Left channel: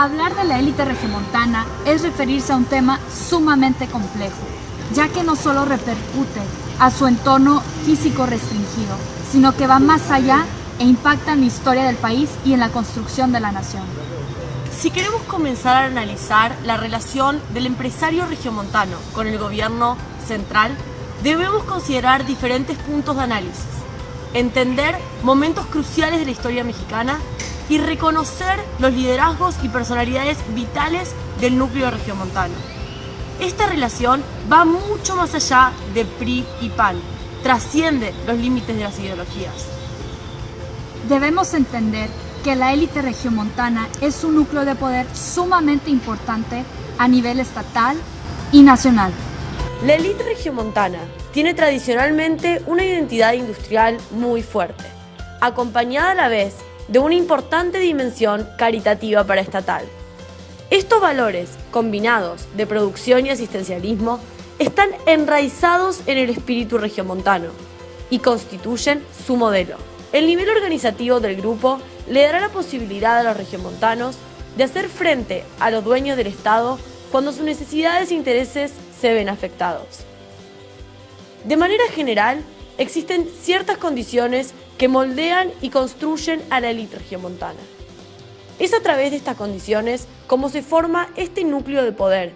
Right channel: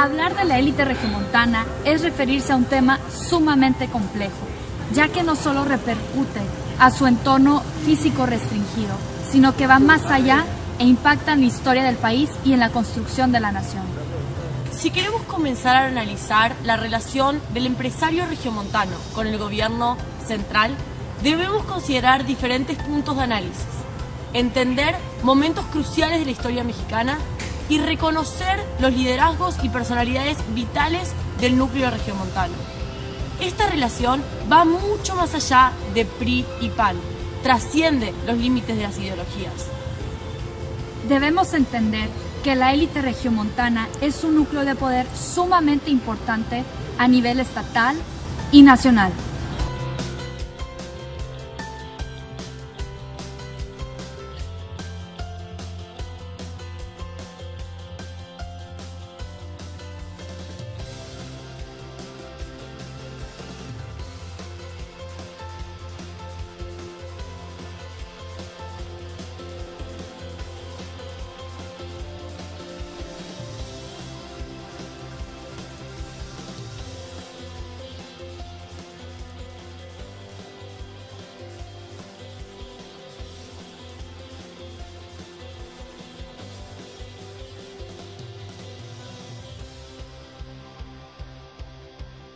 Hablar de la élite regiomontana es referirse a un tema sumamente complejo, ya que no solo repercute a su entorno físico restringido, sino que va más allá e impacta en la historia del país y en la construcción de la nación. Si queremos comenzar a analizar la relación del empresario regiomontano con el gobierno central, debemos considerar diferentes puntos de análisis, entender momentos cruciales de la historia mexicana y reconocer los liderazgos y personalidades vitales del núcleo regiomontano. Esta relación va mucho más allá de PRI y PAN, trasciende los límites de las ideologías. Debemos entender que la élite regiomontana es un núcleo de poder sumamente importante a nivel estatal y nacional. La élite regiomontana tiene tradicionalmente una identidad industrial muy fuerte, acompañada a la vez de una importante dimensión caritativa paraestatal. Estos valores, combinados de producción y asistencialismo, están enraizados en el espíritu regiomontano y constituyen su modelo. El nivel organizativo del grupo le dará la posibilidad a los regiomontanos de hacer frente a los dueños del Estado cuando sus necesidades e intereses se ven afectados. De manera general, existen ciertas condiciones que moldean y construyen a la élite regiomontana. Es a través de estas condiciones como se forma este núcleo de poder,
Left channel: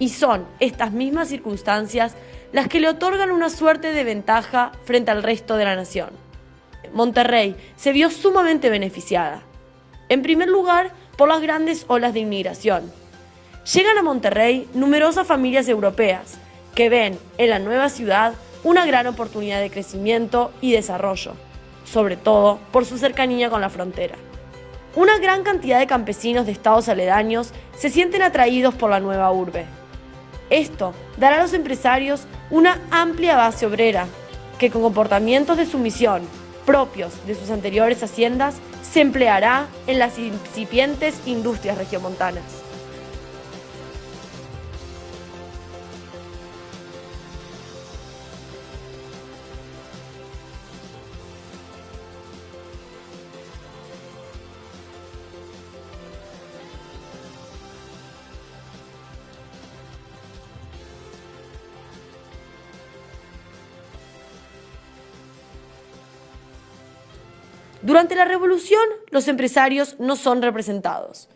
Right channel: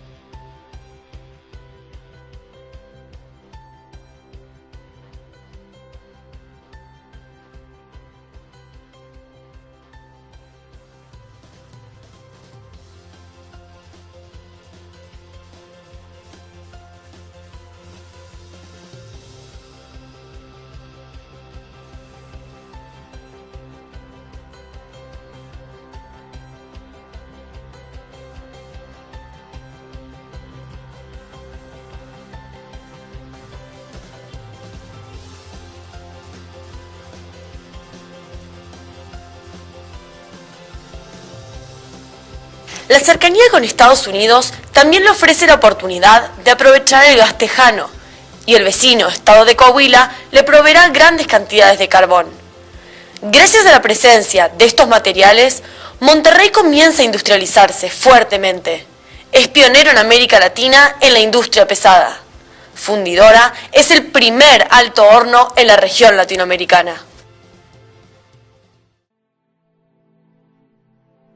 y son estas mismas circunstancias las que le otorgan una suerte de ventaja frente al resto de la nación. Monterrey se vio sumamente beneficiada. En primer lugar, por las grandes olas de inmigración. Llegan a Monterrey numerosas familias europeas que ven en la nueva ciudad una gran oportunidad de crecimiento y desarrollo, sobre todo por su cercanía con la frontera. Una gran cantidad de campesinos de estados aledaños se sienten atraídos por la nueva urbe. Esto dará a los empresarios una amplia base obrera que, con comportamientos de sumisión propios de sus anteriores haciendas, se empleará en las incipientes industrias regiomontanas. La cercanía con Estados Unidos también le ofrece la oportunidad de aprovechar el gas tejano, y el vecino estado de Coahuila le proveerá grandes cantidades de carbón. Gracias a la presencia de estos materiales, Monterrey comienza a industrializarse fuertemente. Es pionero en América Latina en la industria pesada. Fundidora es el primer alto horno en la región latinoamericana. Durante la Revolución, los empresarios no son representados.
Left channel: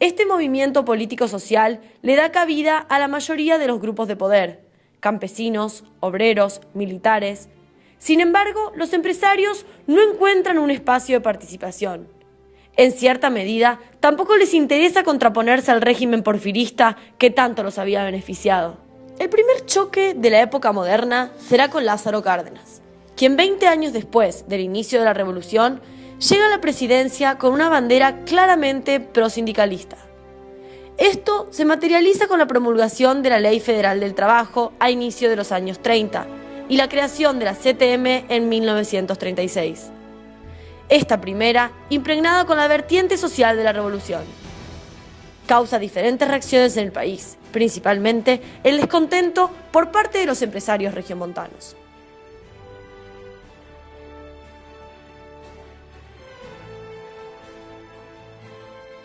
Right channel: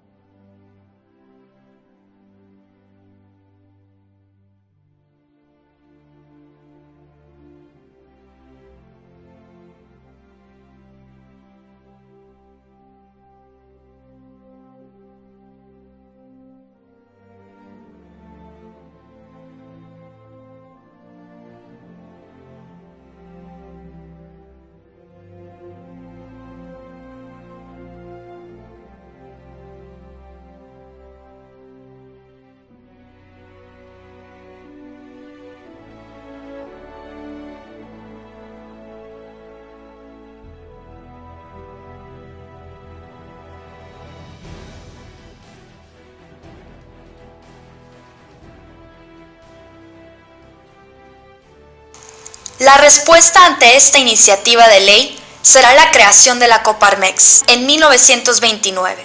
Este movimiento político-social le da cabida a la mayoría de los grupos de poder: campesinos, obreros, militares. Sin embargo, los empresarios no encuentran un espacio de participación. En cierta medida, tampoco les interesa contraponerse al régimen porfirista que tanto los había beneficiado. El primer choque de la época moderna será con Lázaro Cárdenas, quien 20 años después del inicio de la Revolución llega a la presidencia con una bandera claramente prosindicalista. Esto se materializa con la promulgación de la Ley Federal del Trabajo a inicio de los años 30 y la creación de la CTM en 1936. Esta primera, impregnada con la vertiente social de la Revolución, causa diferentes reacciones en el país, principalmente el descontento por parte de los empresarios regiomontanos. La respuesta ante esta iniciativa de ley será la creación de la Coparmex en 1929,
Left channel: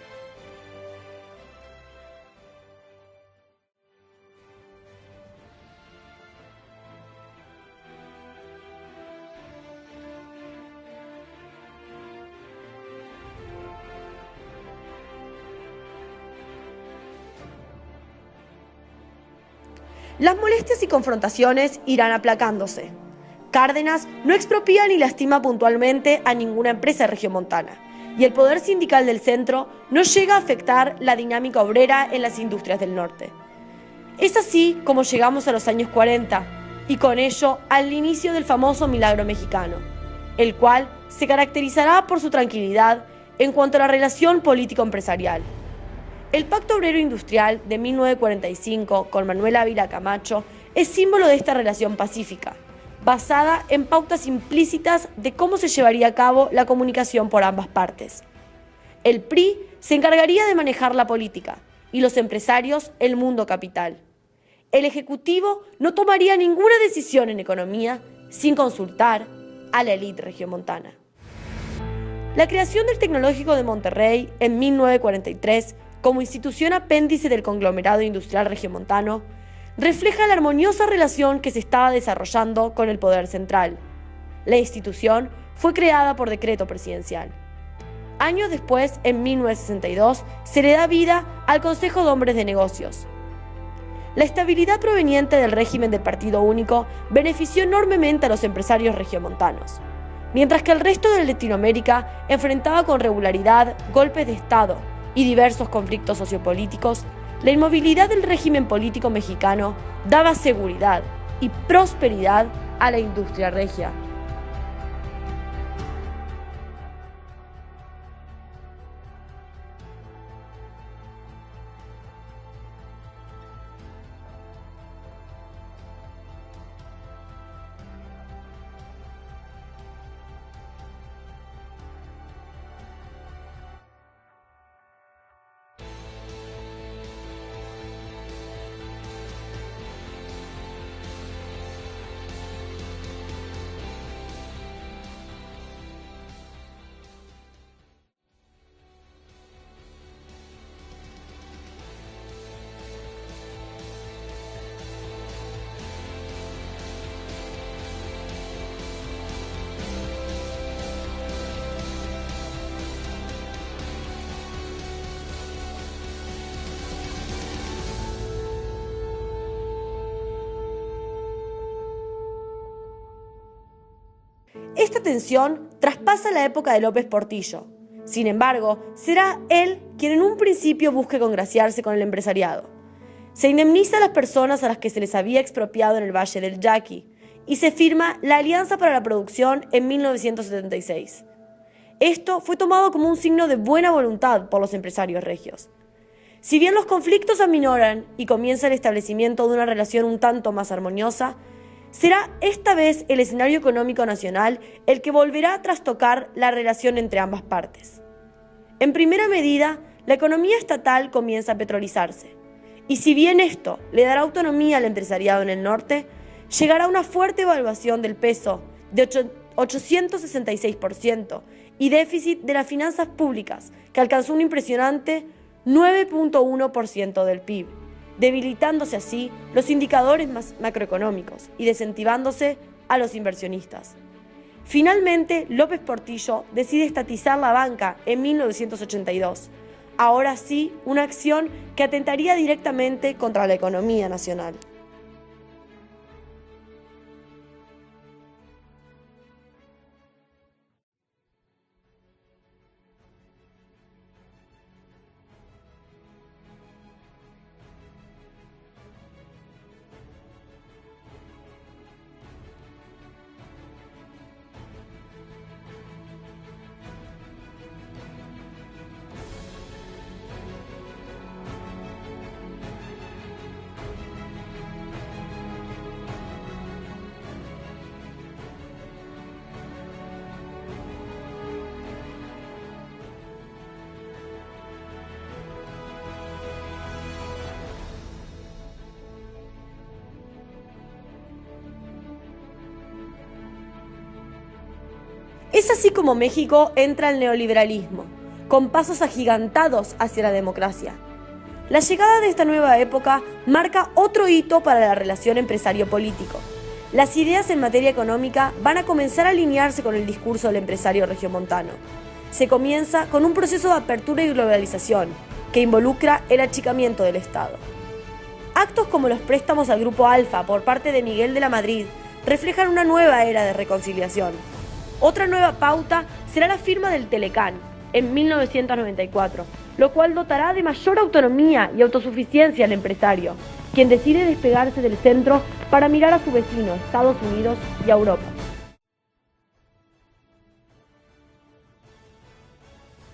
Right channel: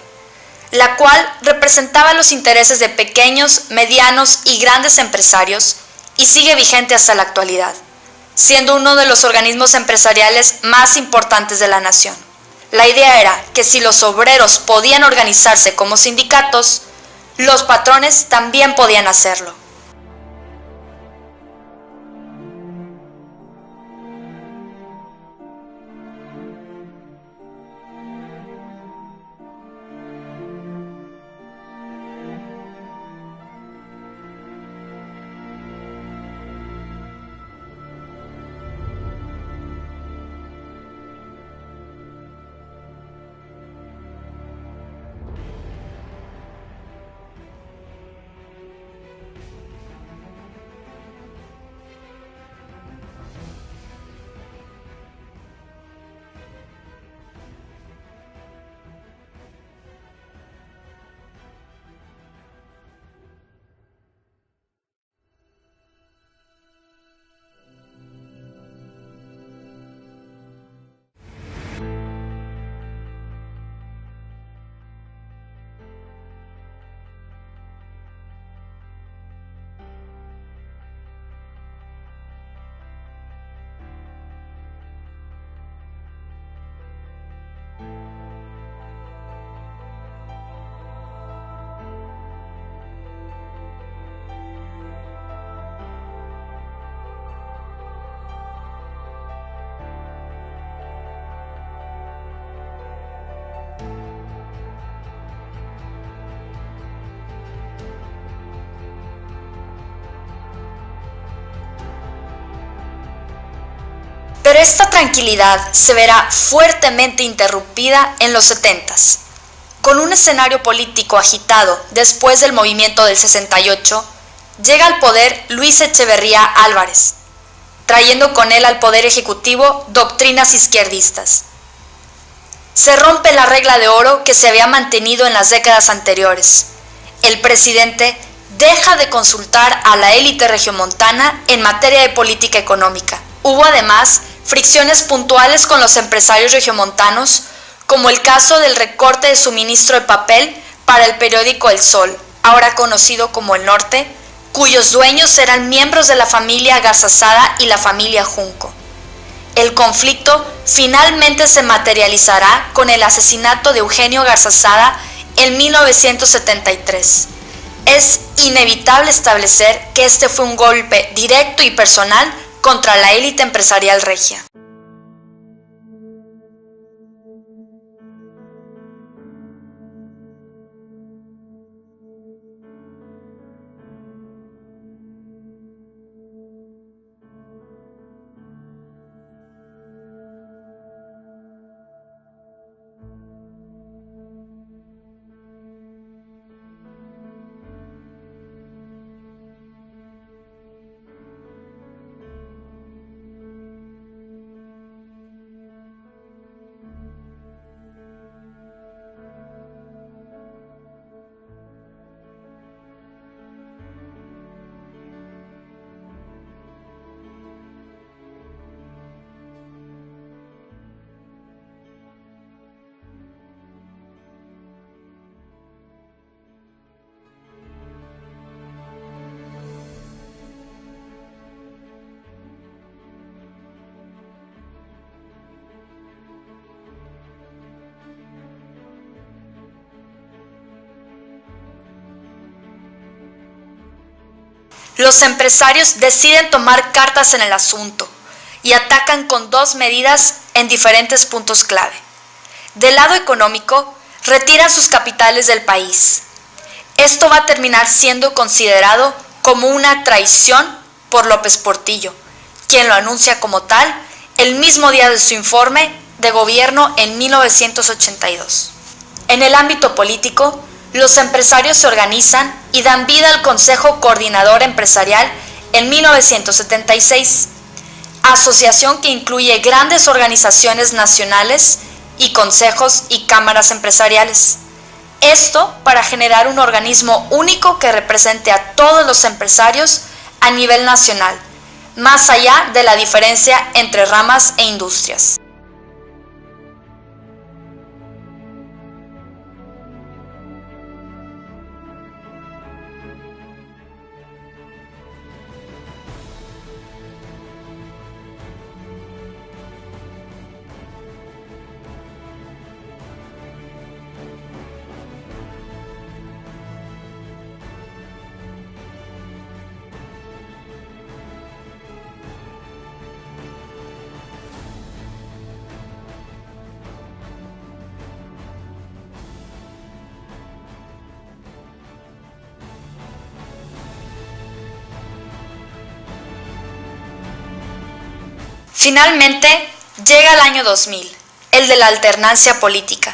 la cual representaba los intereses de pequeños, medianos y grandes empresarios y sigue vigente hasta la actualidad, siendo uno de los organismos empresariales más importantes de la nación. La idea era que si los obreros podían organizarse como sindicatos, los patrones también podían hacerlo. Las molestias y confrontaciones irán aplacándose. Cárdenas no expropia ni lastima puntualmente a ninguna empresa regiomontana, y el poder sindical del centro no llega a afectar la dinámica obrera en las industrias del norte. Es así como llegamos a los años 40, y con ello al inicio del famoso milagro mexicano, el cual se caracterizará por su tranquilidad en cuanto a la relación político-empresarial. El Pacto Obrero Industrial de 1945 con Manuel Ávila Camacho es símbolo de esta relación pacífica, basada en pautas implícitas de cómo se llevaría a cabo la comunicación por ambas partes. El PRI se encargaría de manejar la política y los empresarios el mundo capital. El Ejecutivo no tomaría ninguna decisión en economía sin consultar a la élite regiomontana. La creación del Tecnológico de Monterrey en 1943 como institución apéndice del conglomerado industrial regiomontano, refleja la armoniosa relación que se estaba desarrollando con el poder central. La institución fue creada por decreto presidencial. Años después, en 1962, se le da vida al Consejo de Hombres de Negocios. La estabilidad proveniente del régimen del Partido Único benefició enormemente a los empresarios regiomontanos. Mientras que el resto de Latinoamérica enfrentaba con regularidad golpes de Estado y diversos conflictos sociopolíticos, la inmovilidad del régimen político mexicano daba seguridad y prosperidad a la industria regia. Pero esta tranquilidad se verá fuertemente interrumpida en los 70s. Con un escenario político agitado después del movimiento del 68, llega al poder Luis Echeverría Álvarez, trayendo con él al poder ejecutivo doctrinas izquierdistas. Se rompe la regla de oro que se había mantenido en las décadas anteriores. El presidente deja de consultar a la élite regiomontana en materia de política económica. Hubo además fricciones puntuales con los empresarios regiomontanos, como el caso del recorte de suministro de papel para el periódico El Sol, ahora conocido como El Norte, cuyos dueños eran miembros de la familia Garzazada y la familia Junco. El conflicto finalmente se materializará con el asesinato de Eugenio Garzazada en 1973. Es inevitable establecer que este fue un golpe directo y personal contra la élite empresarial regia. Esta tensión traspasa la época de López Portillo. Sin embargo, será él quien en un principio busque congraciarse con el empresariado. Se indemniza a las personas a las que se les había expropiado en el Valle del Yaqui y se firma la Alianza para la Producción en 1976. Esto fue tomado como un signo de buena voluntad por los empresarios regios. Si bien los conflictos aminoran y comienza el establecimiento de una relación un tanto más armoniosa, será esta vez el escenario económico nacional el que volverá a trastocar la relación entre ambas partes. En primera medida, la economía estatal comienza a petrolizarse, y si bien esto le dará autonomía al empresariado en el norte, llegará una fuerte evaluación del peso de 866% y déficit de las finanzas públicas, que alcanzó un impresionante 9.1% del PIB, debilitándose así los indicadores macroeconómicos y desentivándose a los inversionistas. Finalmente, López Portillo decide estatizar la banca en 1982, ahora sí una acción que atentaría directamente contra la economía nacional. Los empresarios deciden tomar cartas en el asunto y atacan con dos medidas en diferentes puntos clave. Del lado económico, retiran sus capitales del país. Esto va a terminar siendo considerado como una traición por López Portillo, quien lo anuncia como tal el mismo día de su informe de gobierno en 1982. En el ámbito político, los empresarios se organizan y dan vida al Consejo Coordinador Empresarial en 1976, asociación que incluye grandes organizaciones nacionales y consejos y cámaras empresariales. Esto para generar un organismo único que represente a todos los empresarios a nivel nacional, más allá de la diferencia entre ramas e industrias. Es así como México entra al neoliberalismo, con pasos agigantados hacia la democracia. La llegada de esta nueva época marca otro hito para la relación empresario-político. Las ideas en materia económica van a comenzar a alinearse con el discurso del empresario regiomontano. Se comienza con un proceso de apertura y globalización que involucra el achicamiento del Estado. Actos como los préstamos al Grupo Alfa por parte de Miguel de la Madrid reflejan una nueva era de reconciliación. Otra nueva pauta será la firma del Telecán en 1994, lo cual dotará de mayor autonomía y autosuficiencia al empresario, quien decide despegarse del centro para mirar a su vecino, Estados Unidos y a Europa. Finalmente, llega el año 2000. El de la alternancia política,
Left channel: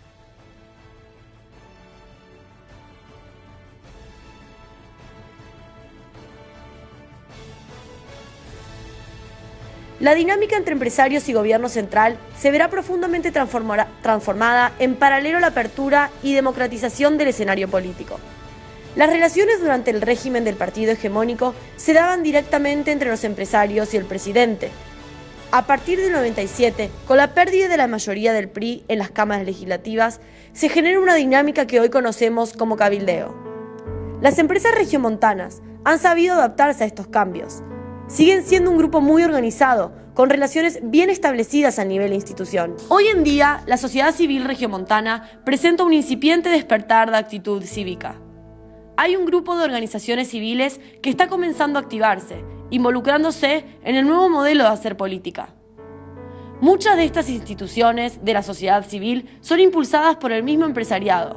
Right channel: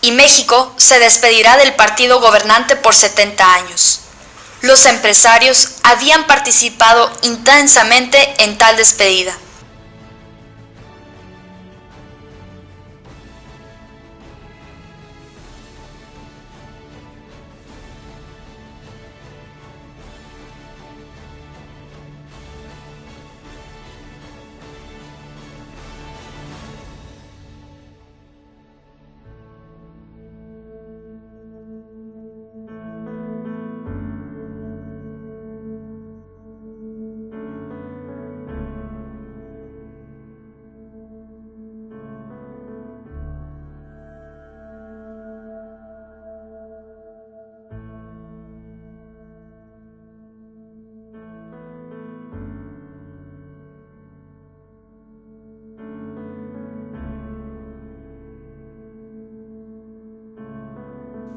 y México se despedirá del partido gobernante por 70 años. Los empresarios habían participado intensamente en tal despedida. La dinámica entre empresarios y gobierno central se verá profundamente transformada en paralelo a la apertura y democratización del escenario político. Las relaciones durante el régimen del partido hegemónico se daban directamente entre los empresarios y el presidente. A partir del 97, con la pérdida de la mayoría del PRI en las cámaras legislativas, se genera una dinámica que hoy conocemos como cabildeo. Las empresas regiomontanas han sabido adaptarse a estos cambios. Siguen siendo un grupo muy organizado, con relaciones bien establecidas a nivel de institución. Hoy en día, la sociedad civil regiomontana presenta un incipiente despertar de actitud cívica. Hay un grupo de organizaciones civiles que está comenzando a activarse, involucrándose en el nuevo modelo de hacer política. Muchas de estas instituciones de la sociedad civil son impulsadas por el mismo empresariado.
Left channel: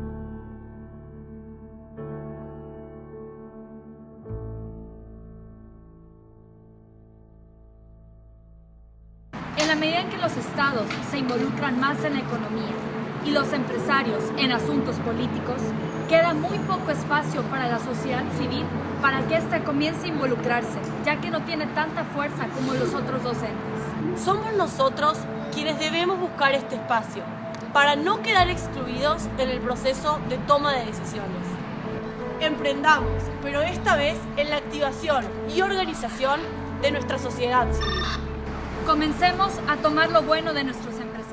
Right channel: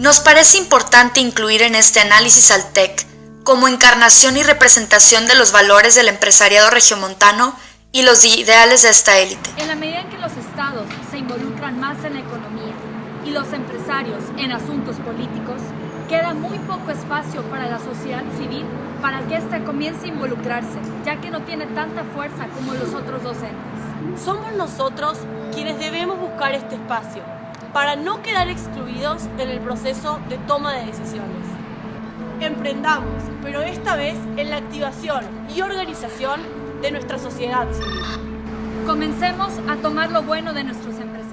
Nos parece importante incluir en este análisis al TEC como encarnación y representación de los valores del empresariado regiomontano y los ideales de esta élite. En la medida en que los estados se involucran más en la economía y los empresarios en asuntos políticos, queda muy poco espacio para la sociedad civil para que ésta comience a involucrarse, ya que no tiene tanta fuerza como los otros dos entes. Somos nosotros quienes debemos buscar este espacio para no quedar excluidos en el proceso de toma de decisiones. Emprendamos, pero esta vez en la activación y organización de nuestra sociedad civil. Comencemos a tomar lo bueno de nuestros empresarios.